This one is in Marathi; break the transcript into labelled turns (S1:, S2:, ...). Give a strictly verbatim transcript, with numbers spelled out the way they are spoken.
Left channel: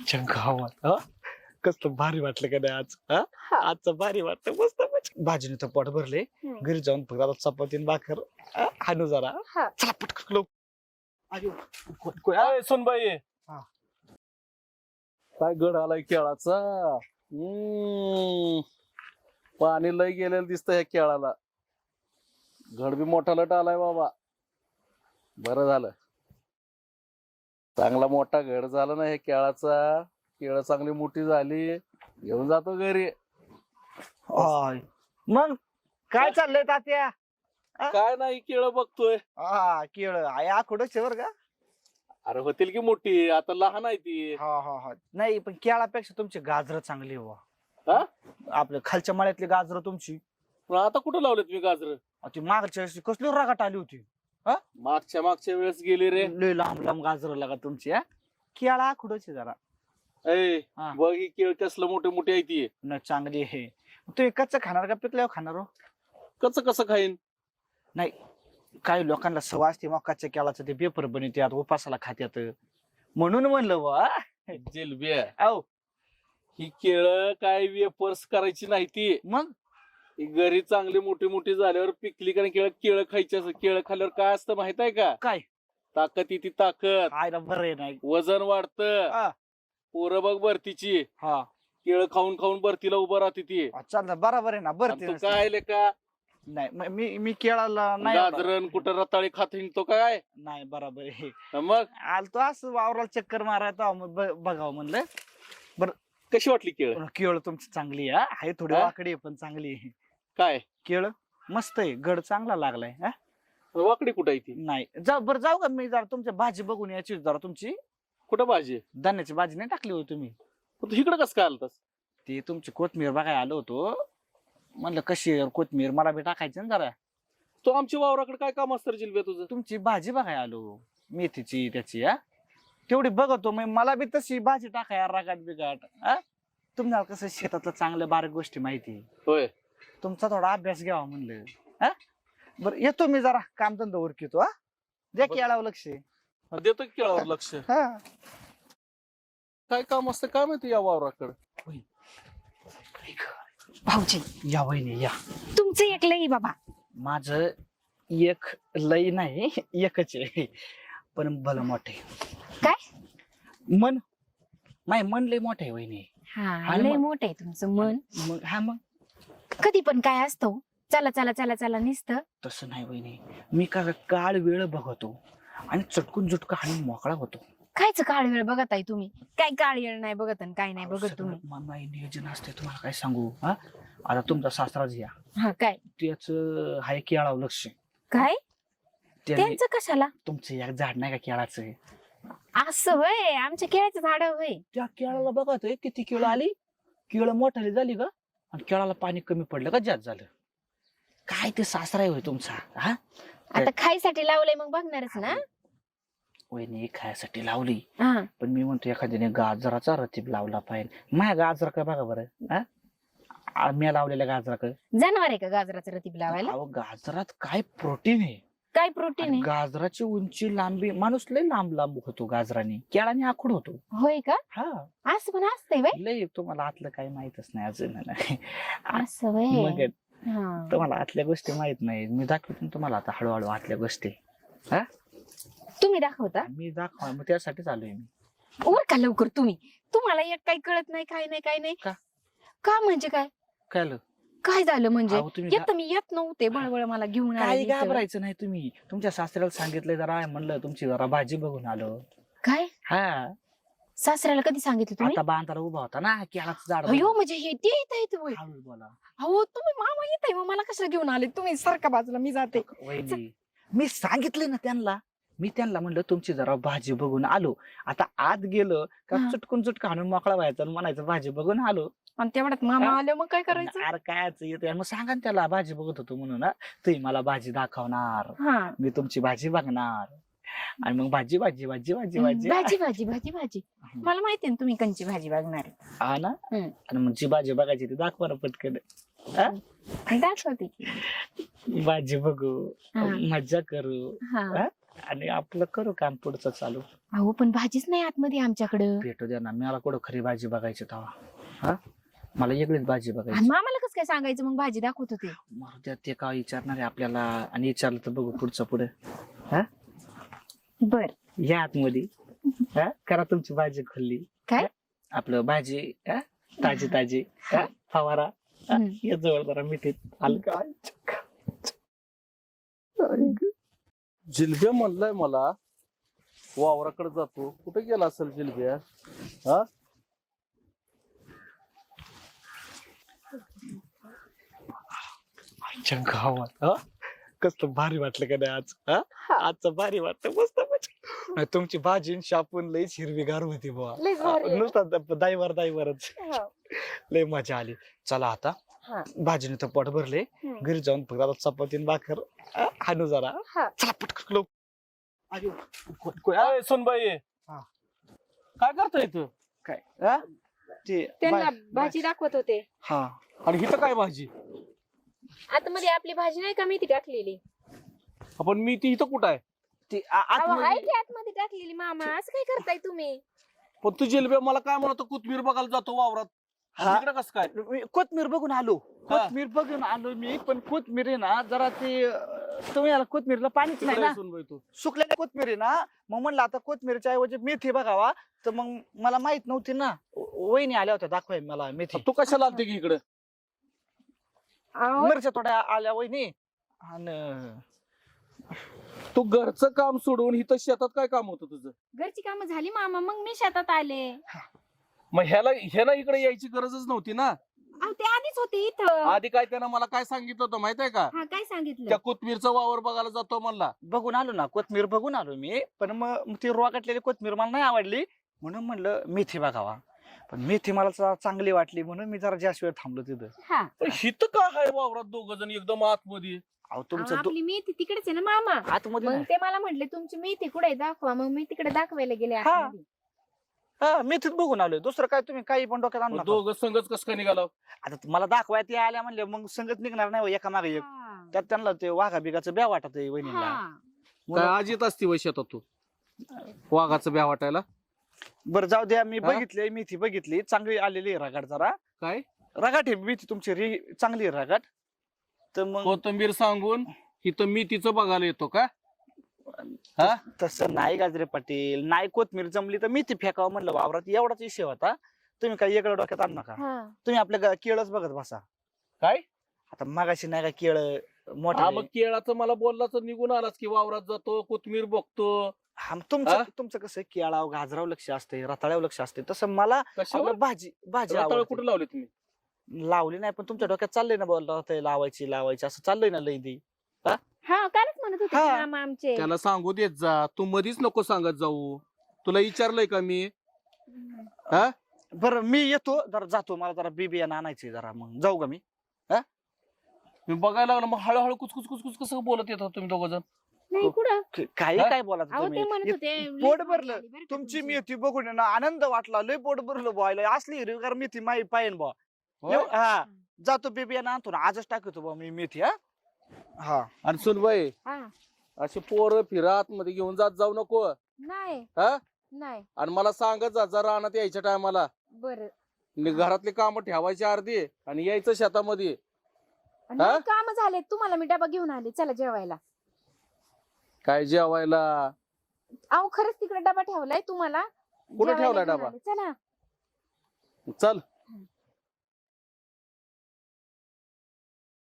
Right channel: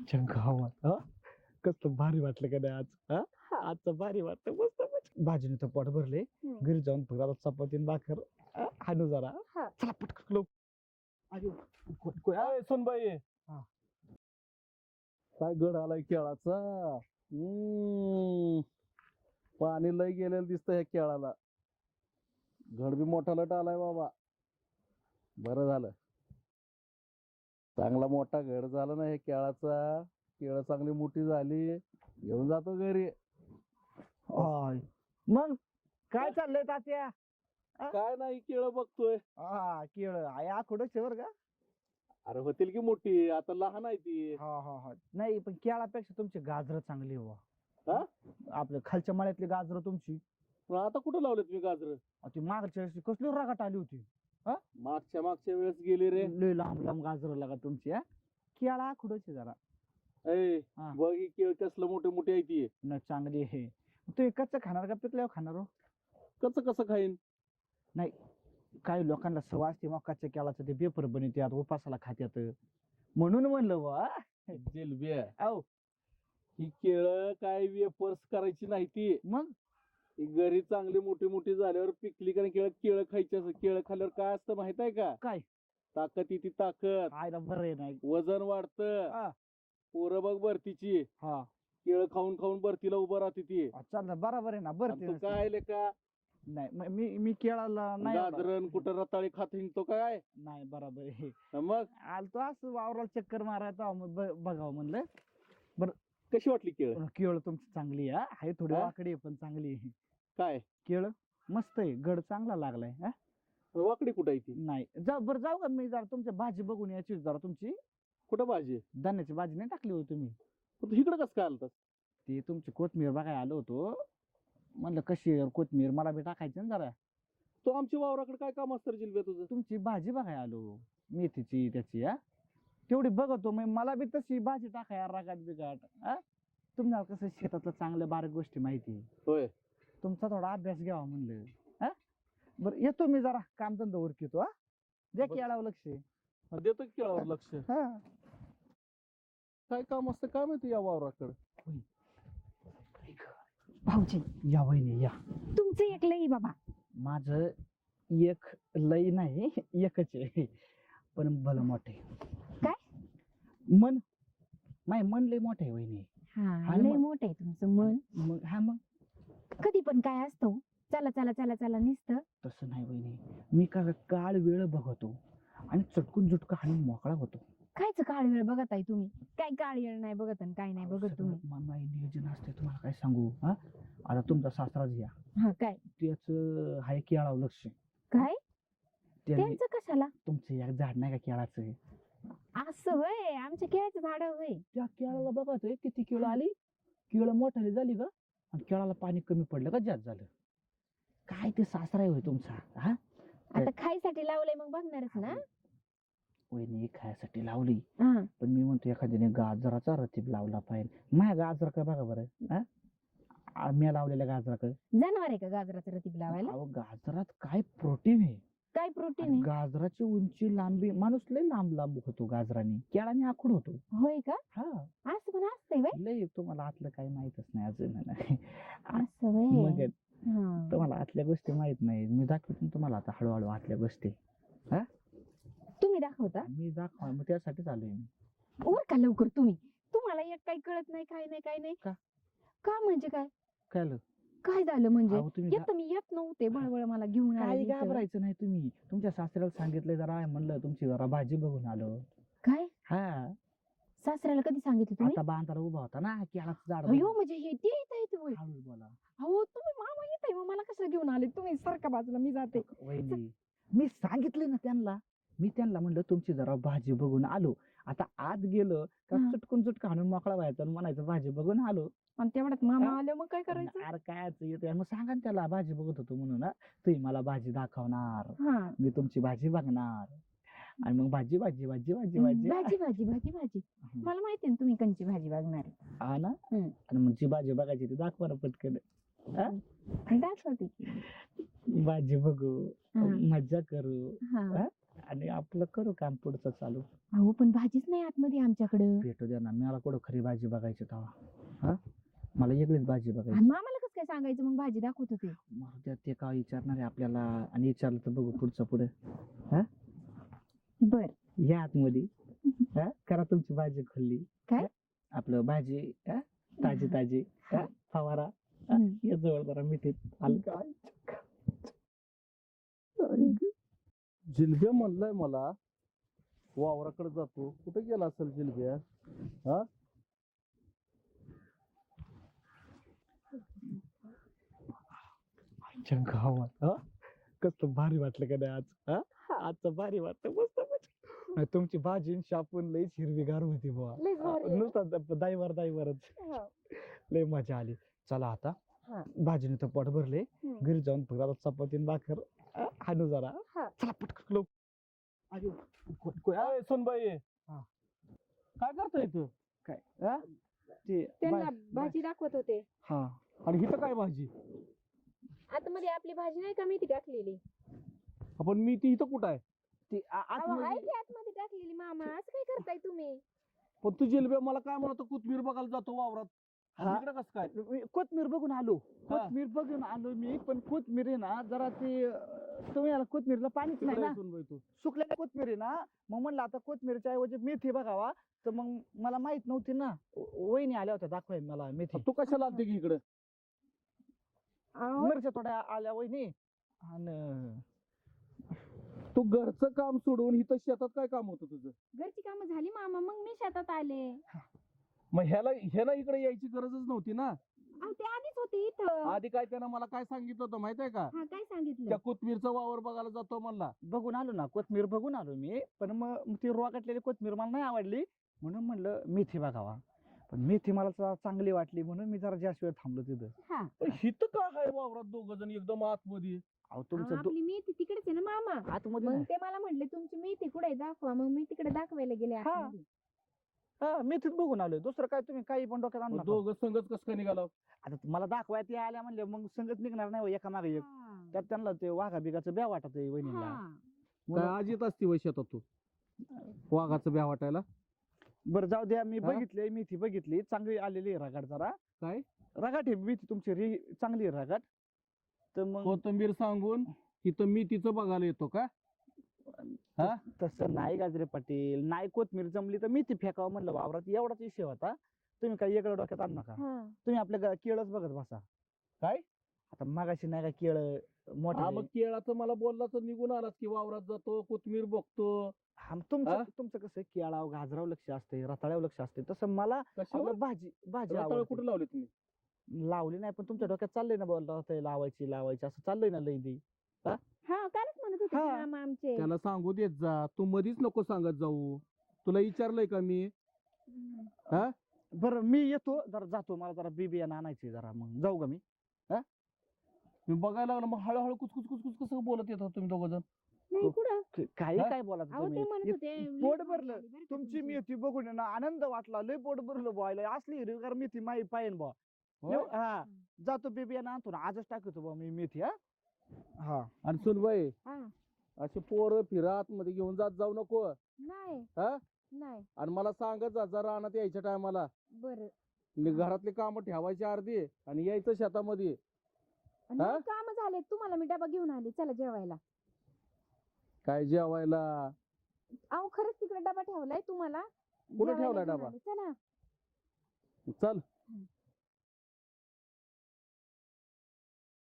S1: आमच्या गावात हा कसलं भारी वाटलं का नाही आज हा
S2: हा.
S1: आजचं भारी वाटतं मस्त मस्त. भाजीने तर पोट भरले
S2: हम्म.
S1: घरी जाऊन फक्त आता चपाती आणि भाकर हा, हाणू जरा
S2: हा.
S1: चला पटकन लवकर. अयो, कोण- कोण- हा?
S3: अय, सुनबाई
S1: हा.
S3: काय गड आलाय केळाचा. हम्म पाणी लय गेलेलं दिसतं ह्या केळाला. घड बी मोठा लट आलाय बाबा. बरं झालं चांगला मोठा घड झाला ना ह्या केळाचा. केळ चांगली मोठी झाली घेऊन जातो घरी.
S1: आय. मग काय चाललंय तात्या
S3: काय नाही केळ बघतोय.
S1: हा केळ आहे आखोडच बर का.
S3: अरे होतील की मोठी आता लहान आहे ती.
S1: हा हा हा नाही पण केळापेक्षा तुमची गाजर चांगली हो
S3: हा?
S1: आपल्या खालच्या मळ्यातली गाजर तुमची
S3: पण आता कुठं लावले तुम्ही गाजर.
S1: अहो, ती मागच्या वर्षी कसली रगाट आली होती
S3: मागच्या मागच्या वेळेस गेली रे.
S1: लय लांब लांब गाजर लागा तुमची हा केळा आखोडच जरा
S3: ऐ
S1: हा.
S3: बघ ही केळ कसलं मोठे मोठी आहे ती.
S1: न चांगली आहे तू एकच खाणार का पिकल्यावर खाणार हो
S3: कसं कसं खाईन.
S1: नाही काही लोकांना सवय असते मकाच्या केळाचं ते पेपर बनवतात उपासाला खात्यात म्हणून म्हणलं वा
S3: जिलब्या
S1: औ
S3: ही केळ काय वेपर्स करायची नाही ती.
S1: मग
S3: ही घरी चांगली मोठी मोठी झाल्यावर पिकली का केळ केळ खायची असं. केळ खाल्ल्यावर काय असतं माहित आहे का.
S1: काय
S3: ताकद येते ताकद.
S1: खायला बरं आहे नाही
S3: वजन वाढतं.
S1: हा.
S3: पोरं बघ भरतीची
S1: हा
S3: केळ खाऊन खाऊन भरतीला उभं राहते ती.
S1: चालतं बरोबर आहे ना बरं
S3: आणि
S1: ते
S3: तू काय लेका
S1: नाही म- मी मी केळाला नाही एवढा.
S3: गाजरन कुठं रताळी खात हिंडतो काय.
S1: नाही बरोबर आहे
S3: मग
S1: आलतो असं वावराला चक्कर मारायचा बघावं म्हणलं
S3: कशी वाटली केळ.
S1: पण केळ तुमची चांगली आहे हा. आहे थोडी
S3: हा?
S1: वाकडी आहे, पण चांगली आहे
S3: काय
S1: केळ मस्त आहे गड चांगला लागलाय हा
S3: वाकडी कुठं आहे ती.
S1: नाही जाऊ बरं जाऊ का मी जरा तुमच्या भाजी बघून यायची जरा तुमची
S3: कुठं भाजी.
S1: धान्याची भाजी नाही टाकली होती तुम्ही
S3: पण तू इकडं कसं काय आलतास.
S1: ती तुमची कोथमीर बघायला आलो होतो म्हणलं कशी आहे कोथमीर मला बी टाकायची ना जरा
S3: तो आमच्या वावराकडे काय काम असतं रे जिलब्या तुझं.
S1: तुमची भाजी बघायला आलो मेथीची त्याची हा तेवढी बघतो मग मला बी तशी भाजी टाकाय रागाट बिगाट हा तुम्हाला कसं शेतातलं चांगलं बारीक गोष्टी माहिती
S3: होय.
S1: तुमचा थोडा अभ्यास घ्यावा म्हणलं हा बरं येतो मी जरा कामधंदा उरकितो हा द्या की याळावं लक्ष
S3: देतो की केळावर लक्ष.
S1: हा
S3: काय काम असतं काय माहिती या वावराकडे.
S2: भाऊजी
S1: या वहिनी या
S2: तुमचं एक लई बाबा.
S1: माझ एक लई नाही एकच आहे पण भलं मोठे
S2: काय
S1: मन माय मन लय मोठे वहिनी
S2: हा
S1: आणि
S2: लय
S1: मग-
S2: मोठं आहे तुमचं मन.
S1: मग हा मग
S2: कधी पण काय असतो चला चला चला चला निसतं.
S1: तसं नाही वहिनी मी का काळ वेळ बघतो आणि चटकून झुटका आणि मोकळा होतो.
S2: कायच काळ वेळ बघत आहे तुम्ही. काय काळ वेळ नाही बघत आणि काय नाही बघत तुम्ही.
S1: सगळं मन माई नियोजन असते तुम्हाला काय सांगू हा आता तुमचा सासराच घ्या
S2: हा काय
S1: त्याच हाय केळावं लक्ष
S2: काय
S1: त्याने
S2: त्यांचं कशाला
S1: तुमचं एक झाड नाही का केळाचं
S2: असं वय आमच्या केळ्याचं झाड वय.
S1: त्या केळाला बघा ते किती केळ आली केळ मोठाली झाली का आणि केळाला पाणी कमी पडलं का जास्त झालं काय ते सासरा होय तुमचा हा
S2: आता खायसाठी लावलंय मग बघणारच ना.
S1: वहिनी खायसाठी लावली
S2: हा
S1: पण मी म्हणतो एखाद्याने गाजराचा रतीब लावला पाहिजे माझ्या गाजरा काय बघा बरं हा मी लावलेल्या गाजरा काय
S2: जनावर आहे का गाजराचं रतीब लावायला.
S1: अहो गाजरात काय प्रोटीन आहे
S2: काय प्रोटीन
S1: आणि
S2: आहे.
S1: गाजराची उंची लांबी माणूस लय लांब लांब होतो गाजराने केळाने आखूड होतो
S2: होय का
S1: हा
S2: असं पण असतंय वय.
S1: लय तुम्हाला आतलं काही माहितच नाही अजून
S2: असं वय
S1: मग
S2: हा.
S1: तुम्हाला आतल्या गोष्टी माहित नाही मी दाखवतो ना तुम्हाला आता हळूहळू आतल्या गोष्टी
S2: तुम्ही दाखवता
S1: मी दाखवा मग त्यासाठीच आलोय मी
S2: वर का लवकर तुम्ही. तुम्हाला एक काही कळत नाही काय नाही काय नाही
S1: का?
S2: का म्हणजे काय
S1: काय झालं?
S2: काय झालं म्हणजे
S1: अहो, तुम्ही
S2: येत मी येत नव्हते बळबळ मला घेऊन आले
S1: काही
S2: इथं.
S1: घाबरायचं नाही तुम्ही तुमच्या सासऱ्याला सांगितलंय जरा म्हणलं तुमची जरा भाजी बघून आलो
S2: काय
S1: हा
S2: सासऱ्याला कधी सांगितलं तुम्ही.
S1: आता बांधाला उभा होता ना केळाचं झाड
S2: अयो म्हणजे हे ते येत आहेत होय.
S1: हळू बोला
S2: अहो तुम्ही मामा येत आहे मग मला कशाला घेऊन आले तुम्ही सारखा बाजूला मी जाते.
S1: वहिनी मी सांगितले ना त्यांना मी त्यांना म्हणलं तुमची जरा भाजी बघून आलो आता आत गेलो का
S2: हा.
S1: चुटकून चुटका आणून मोकळा व्हायचा आणि म्हणायचं भाजी बघून आलो
S2: आणि तेवढ्यात मामा
S1: हा?
S2: आले मग काय करायचं.
S1: अरे काय येते मग सांगा ना त्याला भाजी बघत होतो म्हणून हा. तुम्ही मला भाजी दाखवणार
S2: हा
S1: मी तुमची भाजी बघणार आणि मग भाजी भाजी भाजी भाजी भाजी
S2: भाजी भाजी भाजी भाजी मला माहिती ना तुम्ही कंची भाजी बघणार आहे.
S1: हा ना
S2: हम्म.
S1: आणि मग जी भाजी बघायची ती दाखवा ना पटकन
S2: दाखवते की.
S1: भाजी बघू
S2: हा.
S1: मज्जा करू
S2: हा
S1: हा? आणि आपलं करू काम पुढचं चालू.
S2: अहो पण भाजीच नाही आतमध्ये आमच्याकडं.
S1: भेटू द्या ना, मला कुठं खरी भाजी बघायची तेव्हा. हा मला वेगळीच भाजी
S2: आणि
S1: बघायची.
S2: मग आम्हाला कसं काय सांगायचं मग भाजी दाखवत होते.
S1: मरू द्या, ते काय विचारणार आहे आपल्याला, आणि विचारलं तर बघू पुढचं पुढे.
S2: बर
S1: या आतमध्ये. हा करा तुमची भाजी खोलली.
S2: काय?
S1: आपलं भाजी हा? ताजी ताजी हा? फवारा हा?
S2: हम्म.
S1: ये जवळ जरा मिठीत आलं काय.
S3: जिलब्या म्हणलाय मला वावराकडे जातो. कुठे गेला असेल जिलब्या? हा
S1: आमच्या गावात हा कसलं भारी वाटलं का नाही आज. हा आजचं भारी वाटतं मस्त मजा. नाही, तुमची भाजी शापून लईच हिरवीगार होती बुवा.
S2: लईच भारी आहे.
S1: नुसतं दाईवर दाईवरच लय मजा आली. चला आता
S2: हा.
S1: भाजीने तर पोट भरले.
S2: हम्म.
S1: घरी जाऊन फक्त आता चपाती आणि भाकर हा, हाणू जरा.
S2: हा.
S1: चला पटकन लवकर. अयो, को- को- हा,
S3: अय, सुनबाई
S1: हा.
S3: काय करतोय तू?
S1: काय हा? ते
S2: त्यांना
S1: बा-
S2: भाजी दाखवत होते.
S1: हा
S3: आणि हिथं काय भाजी?
S2: आतमध्ये आपली भाजी नाही का मेथी टाकलेली.
S3: आपण मी ती इथं कुठं आहे?
S1: ती आ-
S2: अहो,
S1: आतमध्ये-
S2: आहे की आतमध्ये टाकलेली मामा. असं काय करताय तुम्ही.
S3: पण तू जिलब्या मला काय म्हणतो कोथमीर बघायला जातो वावरात.
S1: हा.
S3: इकडे कसं काय?
S1: मी कोथमीर बघून आलो.
S3: हा.
S1: कोथमीर बघून आलो मी, पण कोथमीर आहे ना जरा ते अं, तुम्ही याला कोथमीरला पाणीच नाही
S3: तिकडे
S1: ना.
S3: आहे सुनबाई तू.
S1: सुकलेल्या कोथमीर आहे ना, मग म्हणलं आता कोथमीरच्या ऐवजी मेथी बघावा. तर मग मला माहित नव्हती ना, व- वहिनी आल्या होत्या दाखवाय मला मेथी.
S3: तू कशाला आलते की इकडे?
S2: अहो,
S1: मिरच्या थोड्या आल्या वहिनी. आणि
S3: तू घरचं काम सोडून इथं शेतात काय काम होतं तुझं?
S2: घरची कामं झाली मामा. मग मी शेतात आले.
S3: मग ह्याला ह्याला इकडे यायची गरजच नव्हती ना.
S2: अहो ते आधीच होते इथं.
S3: आधी काय त्यानं मला काय सांगितलं होतं माहितीये का?
S2: हा काय सांगितलं.
S3: त्या कोथमीरचा वावर बघायला जातो म्हणला.
S1: बघून आलो ना, कोथमीर बघून आलो मी. पण मग मग ती रोगाटलेली कोथमीर मला नाही आवडली, म्हणून म्हणलं मेथी बघावा. पण मेथी मला चा- चांगली वाटली म्हणून मी जरा जास्त वेळ थांबलो तिथं.
S2: हा.
S3: पण हिथं का आहे वावरात दोघ जण एकदम आतमध्ये?
S1: अहो
S2: अहो,
S1: तुमचं दो-
S2: आपली मेथी तिकडेच आहे ना मामा.
S1: आतमध्ये
S2: मग
S1: नाही.
S2: ते मला म्हटले तुमची मेथी कुठे आहे दाखवा. मग मी तिकडे दाखवायला गेले
S1: हा.
S2: आतमध्ये.
S1: हा मेथीत बघून आलोय. दुसरं काय तुम्ही काही पण डोक्यात आणू
S3: मग
S1: नका.
S3: दोघं संघच कस काय निघाला?
S1: आता मला दाखवायत या आल्या म्हणले मग संगत निघणार नाही हो, एका मागे एक.
S2: हा.
S1: त्यात त्यांना ते वाघा बिगाचं ब्या वाटत आहे वहिनीला.
S2: हा.
S3: काय आज येत असती वय शेतात तू वाघाचं ब्या वाटायला?
S1: बरं जाऊ द्या, मी
S3: हा?
S1: बघितली मेथी बघितली, चांगली आलेली आहे रगाट जरा.
S3: काय
S1: रगाट आहे मेथी तुमची रे चांगली आहे रगाट. तर मग
S3: कोथंबीर सांगून इथं मी तिचं बघायला येतो का? हा?
S1: तसं नाही गाजरे पाटील, नाही कोथमीर जमली तर मेथी फेकावं म्हणलं वावरात, एवढाच विषय होता. तुम्ही काही वेगळं डोक्यात आणू नका.
S2: हा.
S1: तुम्ही आपल्या ग- केळच बघत बसा.
S3: काय?
S1: आता मगाशी नाही का केळ
S3: हा
S1: मोठा
S3: मग केळाचं मला बोलला तर निघून आलास की वावरात जातो कोथमीर बघतो.
S1: हा, मग तुमचं
S3: हा?
S1: तुमचं कसं केळाव गाजराव लक्ष असते, रताळ्यावर लक्ष असते, तसं मला
S3: कशावर?
S1: आपलं भाजी भाजी
S3: रताळं
S1: आवडते.
S3: कुठे लावले तुम्ही?
S1: लावली नाही, पण तुमच्या डोक्यात चाललंय ना बोल रताळी लावायची लावायची असं चाललंय ना लई दी.
S2: हा कालच म्हणत होते
S1: हा.
S2: की मामा आमचे.
S3: त्याला सांगू देत जा, तू मधीच नको सांगत जाऊ. तुला विचारलंय का मी? हा?
S1: बरं मी येतो जरा, जातो, मला जरा बी बियाणं आणायचंय जरा, मग जाऊ का मी?
S3: मी बघायला लागलो मग हळूहळू कुचकुच कुचकुच कसं बोलत येतात तुम्ही दोघ जण?
S2: नाही कुठं.
S1: क- काही
S3: हा?
S1: काय बोलायचं
S2: अहो ते
S1: तुम्ही?
S2: म्हणत
S1: इत-
S2: होते लई
S1: पोट
S2: भारी
S1: भरलं.
S2: आली बरं का
S1: तुमची
S2: तुमची.
S1: मेथी बघून आहे ना आनंद वाटला, लय पोट भरलं बॉयला, असली हिरवीगार मेथी माही पाहिन बा.
S3: होय?
S1: हा जातो बी बियाणं आणतो ना, आजच टाकतो बा मी मेथी. हा हा
S3: आणि सुनबाई
S2: हा.
S3: अशी पोरं फिरा आतमध्ये घेऊन जात जाऊ नको.
S2: नाही
S3: हा?
S2: नाही.
S3: आणि मला सांगत जा जरा रानात यायच्या टायमाला.
S2: बरं.
S3: घरातली कामं ठेवायची अर्धी आणि यायचं शेतामध्ये.
S2: नाही काम झाले. तुम्हाला मी डबा घेऊन आले. चला जेवायला.
S3: काय जेवायला?
S2: अहो खरंच तिकडे डबा ठेवलाय तुम्हाला.
S3: कुठे
S2: जेवायला
S3: ठेवलाय
S2: घेऊन
S3: डबा?
S2: आले. चला.
S3: चल